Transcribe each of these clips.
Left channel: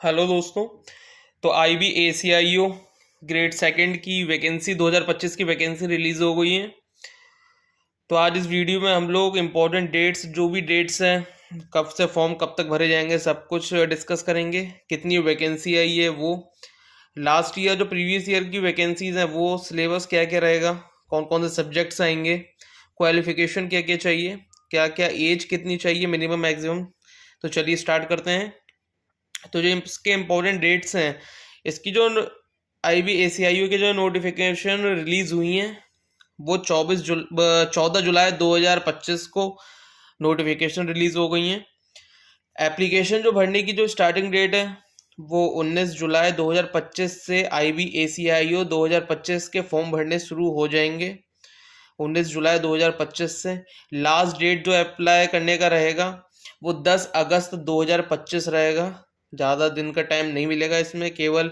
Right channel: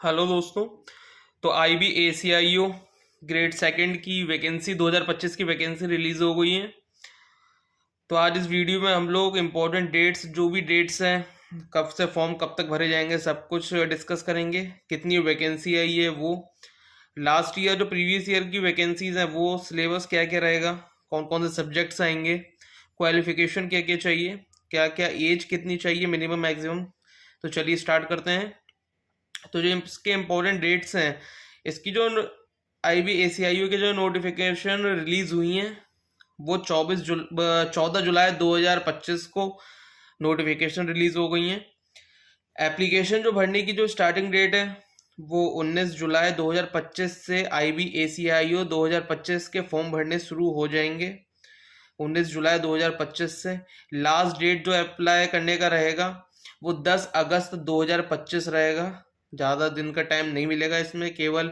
Hello दोस्तों। तो IBACIO grade second की वैकेंसी 2025 की वैकेंसी रिलीज़ हो गई है। तो आज इस वीडियो में हम लोग इम्पोर्टेंट डेट्स, जो भी डेट्स हैं, कब से फॉर्म कब तक भरे जाएंगे, सब कुछ डिस्कस करेंगे। कितनी वैकेंसी आई है वो, लास्ट ईयर जो प्रीवियस ईयर की वैकेंसीज हैं वो, सिलेबस क्या क्या रहेगा, कौन कौन से सब्जेक्ट्स आएंगे, क्वालिफिकेशन क्या क्या चाहिए, क्या क्या एज कितनी चाहिए, मिनिमम मैक्सिमम। तो चलिए स्टार्ट करते हैं। तो जो इसके इम्पोर्टेंट डेट्स हैं, इसकी जो IBACIO के जो नोटिफिकेशन रिलीज हुई हैं वो 14 जुलाई 2025 को नोटिफिकेशन रिलीज हो गई हैं। एप्लीकेशन जो भरने की जो स्टार्टिंग डेट है वो 19 जुलाई 2025 से IBACIO 2025 के फॉर्म भरने शुरू हो जाएंगे। 19 जुलाई 2025 से लास्ट डेट जो अप्लाई करने का रहेगा वो 10 अगस्त 2025 रहेगा। ज़्यादा दिन का टाइम नहीं मिलेगा, इसमें केवल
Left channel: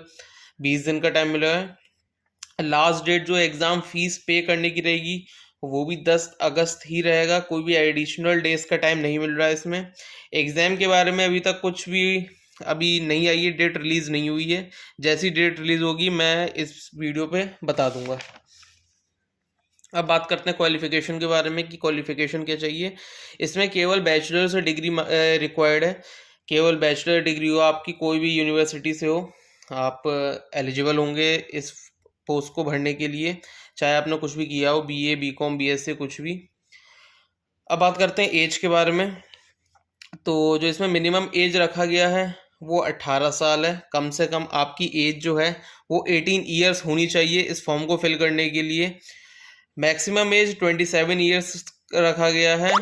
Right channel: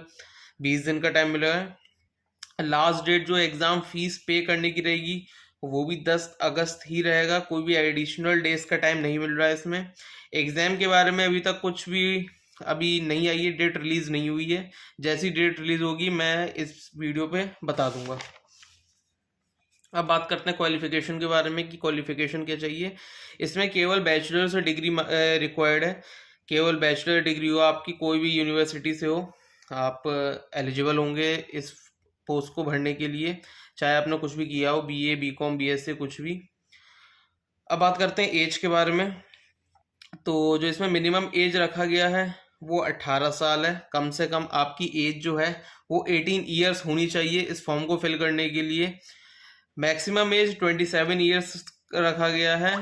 20 दिन का टाइम मिलेगा। लास्ट डेट जो एग्ज़ाम फीस पे करने की रहेगी वो भी 10 अगस्त ही रहेगा। कोई भी एडिशनल डेज का टाइम नहीं मिल रहा है इसमें। एग्ज़ाम के बारे में अभी तक कुछ भी अभी नहीं आई है, डेट रिलीज़ नहीं हुई है। जैसी डेट रिलीज़ होगी मैं इस वीडियो पे बता दूंगा। अब बात करते हैं क्वालिफिकेशन के बारे में कि क्वालिफिकेशन क्या चाहिए। इसमें केवल बैचलर से डिग्री रिक्वायर्ड है। केवल बैचलर डिग्री हो आपकी, कोई भी यूनिवर्सिटी से हो, आप एलिजिबल होंगे इस पोस्ट को भरने के लिए, चाहे आपने कुछ भी किया हो, BA BCom BSc कुछ भी। अब बात करते हैं एज के बारे में। तो जो इसमें मिनिमम एज रखा गया है वो 18 साल है। कम से कम आपकी एज जो है वो 18 ईयर्स होनी चाहिए इस फॉर्म को फिल करने के लिए। मैक्सिमम एज 27 ईयर्स रखा गया है।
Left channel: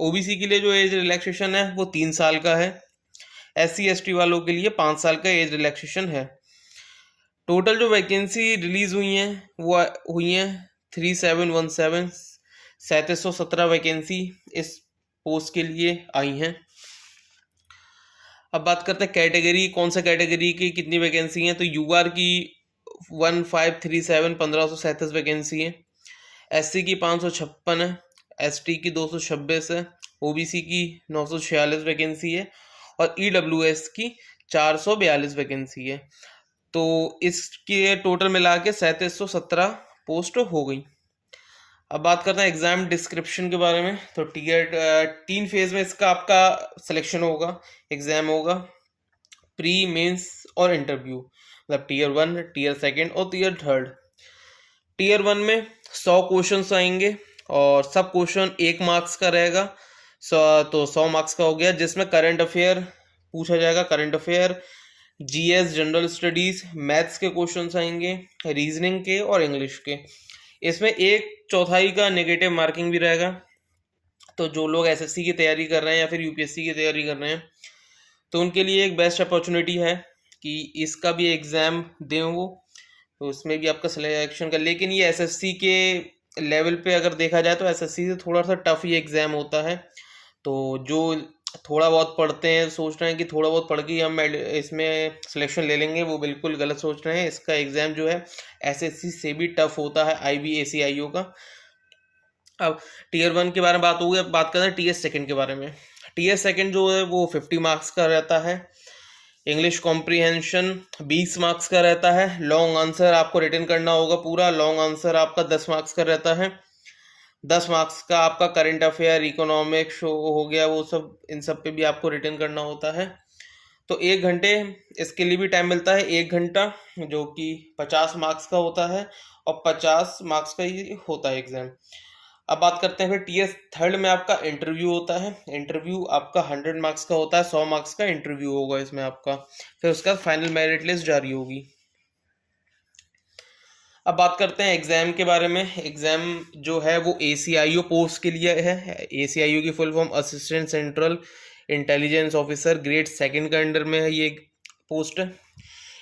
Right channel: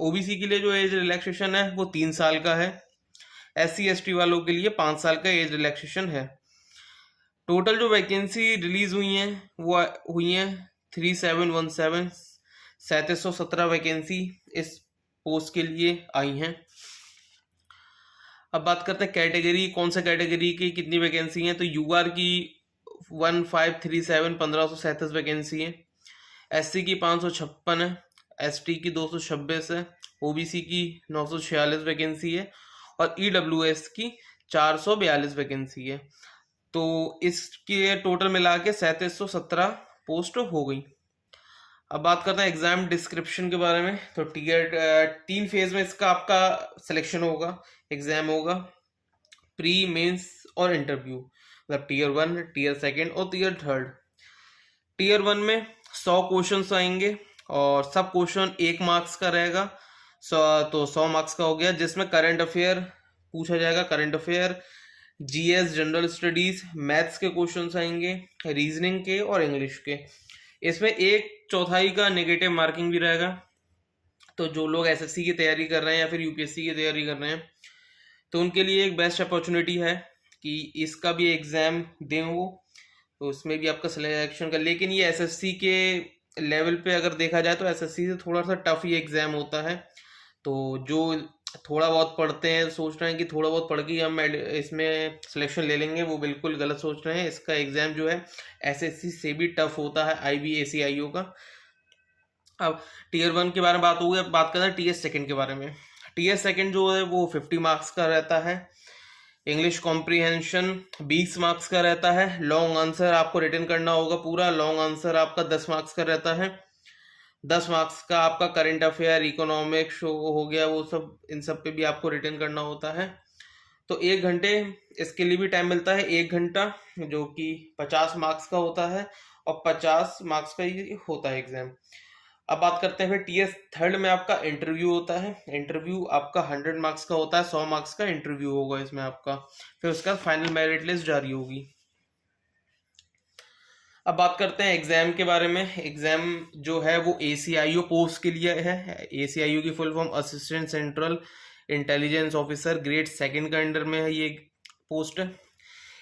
OBC के लिए जो एज रिलैक्सेशन है वो 3 साल का है। SC ST वालों के लिए 5 साल का एज रिलैक्सेशन है। टोटल जो वैकेंसी रिलीज हुई हैं वो हुई हैं 3717, 3717 वैकेंसी इस पोस्ट के लिए आई हैं। अब बात करते हैं कैटेगरी, कौन सा कैटेगरी की कितनी वैकेंसी हैं। तो UR की 1537 1537 वैकेंसी है। SC की 556 है। ST की 226 है। OBC की 946 वैकेंसी है और EWS की 442 वैकेंसी है। तो इसके टोटल मिला के 3717 पोस्ट हो गई। अब बात करते हैं एग्जाम डिस्क्रिप्शन के बारे में। तो टीयर 3 फेज में इसका आपका सिलेक्शन होगा, एग्जाम होगा, प्री मेंस और इंटरव्यू। मतलब टीयर 1, टीयर 2 और टीयर 3। टीयर 1 में 100 क्वेश्चन आएंगे और सब क्वेश्चन 1 मार्क्स का रहेगा। तो 100 मार्क्स का हो गया, जिसमें करंट अफेयर पूछा जाएगा। Current affair, GS general studies, maths के क्वेश्चंस आएंगे, रीजनिंग के और इंग्लिश के। इसमें 1/4 का नेगेटिव मार्किंग भी रहेगा। तो जो लोग SSC की तैयारी कर रहे हैं या फिर UPSC की तैयारी कर रहे हैं तो उनके लिए एक बेस्ट अपॉर्चुनिटी है कि इसका भी एग्ज़ाम दें वो, तो उसमें भी आपका सिलेक्शन कर। लेकिन ये SSC के लेवल पे अगर देखा जाए तो SSC से थोड़ा सा टफ ही एग्ज़ाम होता है। तो जो थोड़ा बहुत पढ़ते हैं, सोच रहे हैं कि थोड़ा बहुत पढ़ के हम इसमें सिलेक्शन ले लेंगे, वो बिल्कुल गलत सोच रहे हैं। इसका एग्ज़ाम जो है SSC से भी टफ होता है, IBACIO का। अब टीयर 1 के बारे में बात हो गई। अब बात करते हैं टीयर 2 के बारे में। टीयर 2 जो है वो 50 मार्क्स का रहता है। इंग्लिश कॉम्प्रीहेंशन 20 मार्क्स का रहता है। लॉन्ग आंसर आपको रिटन करना होगा पूरा। लॉन्ग आंसर आपका 10 मार्क्स का रहता है। 10 मार्क्स का आपका करंट अफेयर, इकोनॉमिक्स हो गया, वो सब, इन सब पे भी आपको रिटर्न करना होता है। तो 1 घंटे इसके लिए भी टाइम मिलता है, 1 घंटा, जो कि 50 मार्क्स का होता है और 50 मार्क्स का ही होता है एग्जाम। अब बात करते हैं फिर टीयर 3 में आपका इंटरव्यू होता है। इंटरव्यू आपका 100 मार्क्स का होता है। 100 मार्क्स का इंटरव्यू होगा इसमें आपका। फिर उसका फाइनल मेरिट लिस्ट जारी होगी। अब बात करते हैं एग्जाम के बारे में। एग्जाम जो है वो ACIO पोस्ट के लिए है। ACIO की full form assistant central intelligence officer grade 2 के अंडर में है ये पोस्ट।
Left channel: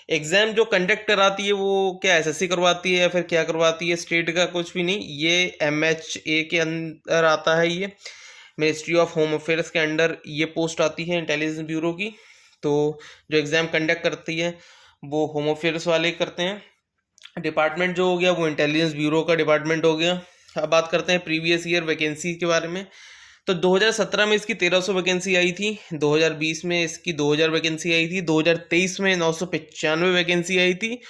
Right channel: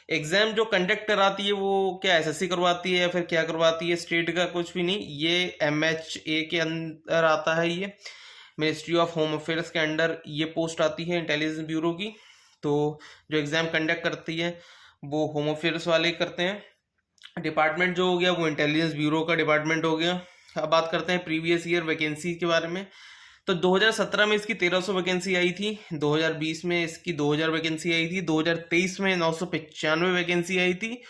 एग्जाम जो कंडक्ट कराती है वो क्या SSC करवाती है या फिर क्या करवाती है, स्टेट का कुछ भी नहीं, ये MHA के अंदर आता है। ये मिनिस्ट्री ऑफ होम अफेयर्स के अंडर ये पोस्ट आती है, इंटेलिजेंस ब्यूरो की। तो जो एग्ज़ाम कंडक्ट करती है वो होम अफेयर्स वाले करते हैं। डिपार्टमेंट जो हो गया वो इंटेलिजेंस ब्यूरो का डिपार्टमेंट हो गया। अब बात करते हैं प्रीवियस ईयर वैकेंसी के बारे में। तो 2017 में इसकी 1300 वैकेंसी आई थी, 2020 में इसकी 2000 वैकेंसी आई थी, 2023 में 995 वैकेंसी आई थी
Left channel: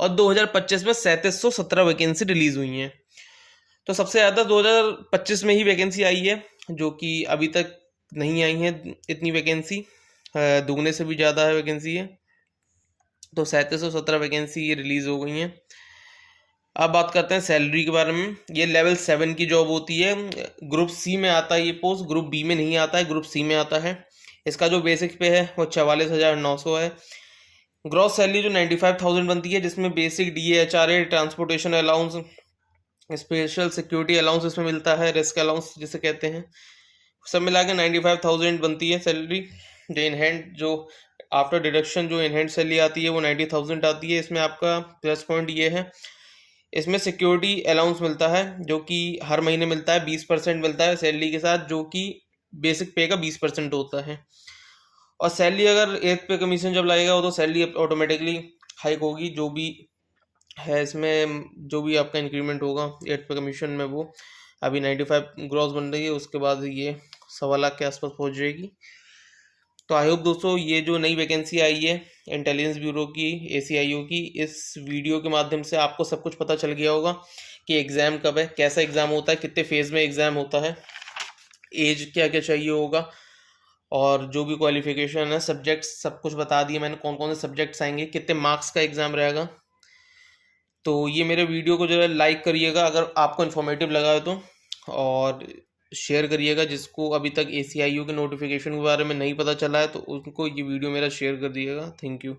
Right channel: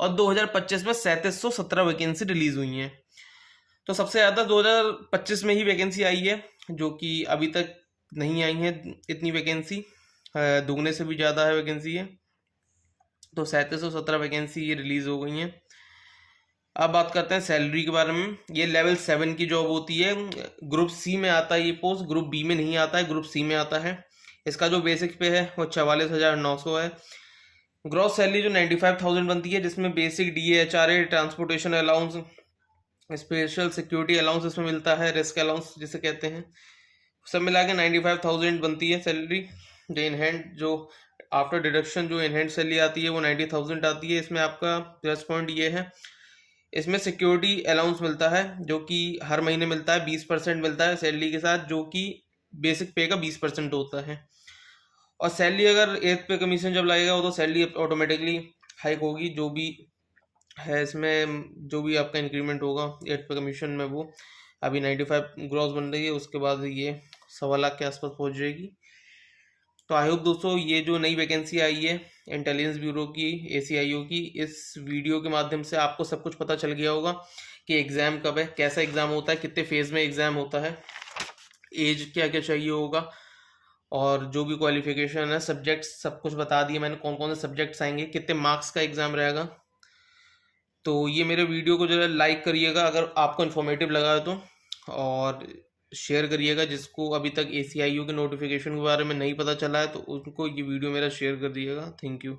और 2025 में 3717 वैकेंसी रिलीज हुई हैं। तो सबसे ज़्यादा 2025 में ही वैकेंसी आई है, जो कि अभी तक नहीं आई है इतनी वैकेंसी, दुगने से भी ज़्यादा है वैकेंसी है। तो 3717 वैकेंसी ये रिलीज़ हो गई हैं। अब बात करते हैं सैलरी के बारे में। ये लेवल 7 की जॉब होती है, ग्रुप सी में आता है ये पोस्ट, ग्रुप बी में नहीं आता है, ग्रुप सी में आता है। इसका जो बेसिक पे है वो 44,900 है। ग्रॉस सैलरी जो 95,000 बनती है, जिसमें basic DA, HRA, transportation allowance, special security allowance इसमें मिलता है, रिस्क अलाउंस जिसे कहते हैं, सब मिला के 95,000 बनती है सैलरी। जो इन हैंड जो आफ्टर डिडक्शन जो इन हैंड सैलरी आती है वो 90,000 आती है। इसमें आपका प्लस पॉइंट ये है, इसमें सिक्योरिटी अलाउंस मिलता है जो कि हर महीने मिलता है, 20% मिलता है सैलरी के साथ, जो कि बेसिक पे का 20% होता है। और सैलरी अगर 8 पे कमीशन जब लगेगा वो तो सैलरी ऑटोमेटिकली हाइक होगी, जो भी है इसमें जो भी आपका इंक्रीमेंट होगा 8 पे कमीशन में, वो अभी 95 ग्रॉस बन रही है, उसके बाद ये 1.25 लाख के आसपास पहुंच जाएगी। तो आई होप दोस्तों ये जो नई वैकेंसी आई है इंटेलिजेंस ब्यूरो की, ACIO की, इस वीडियो के माध्यम से आपको सब कुछ पता चल गया होगा कि एग्ज़ाम कब है, कैसा एग्ज़ाम होता है, कितने फेज़ में एग्ज़ाम होता है, एज क्या क्या चाहिए होगा, और जो भी क्वालिफिकेशन है, सब्जेक्ट्स सब कुछ बता दिए मैंने, कौन कौन से सब्जेक्ट्स आएंगे, कितने मार्क्स का एग्ज़ाम रहेगा। तो ये मेरे वीडियो को जरा लाइक करिएगा अगर आपको इन्फॉर्मेटिव लगा है तो, और शेयर करिएगा जिसको अभी तक ACIO के नोटिफिकेशन के बारे में नहीं पता चला है, तो उनको ये वीडियो मेरा शेयर कर दिएगा। Thank you.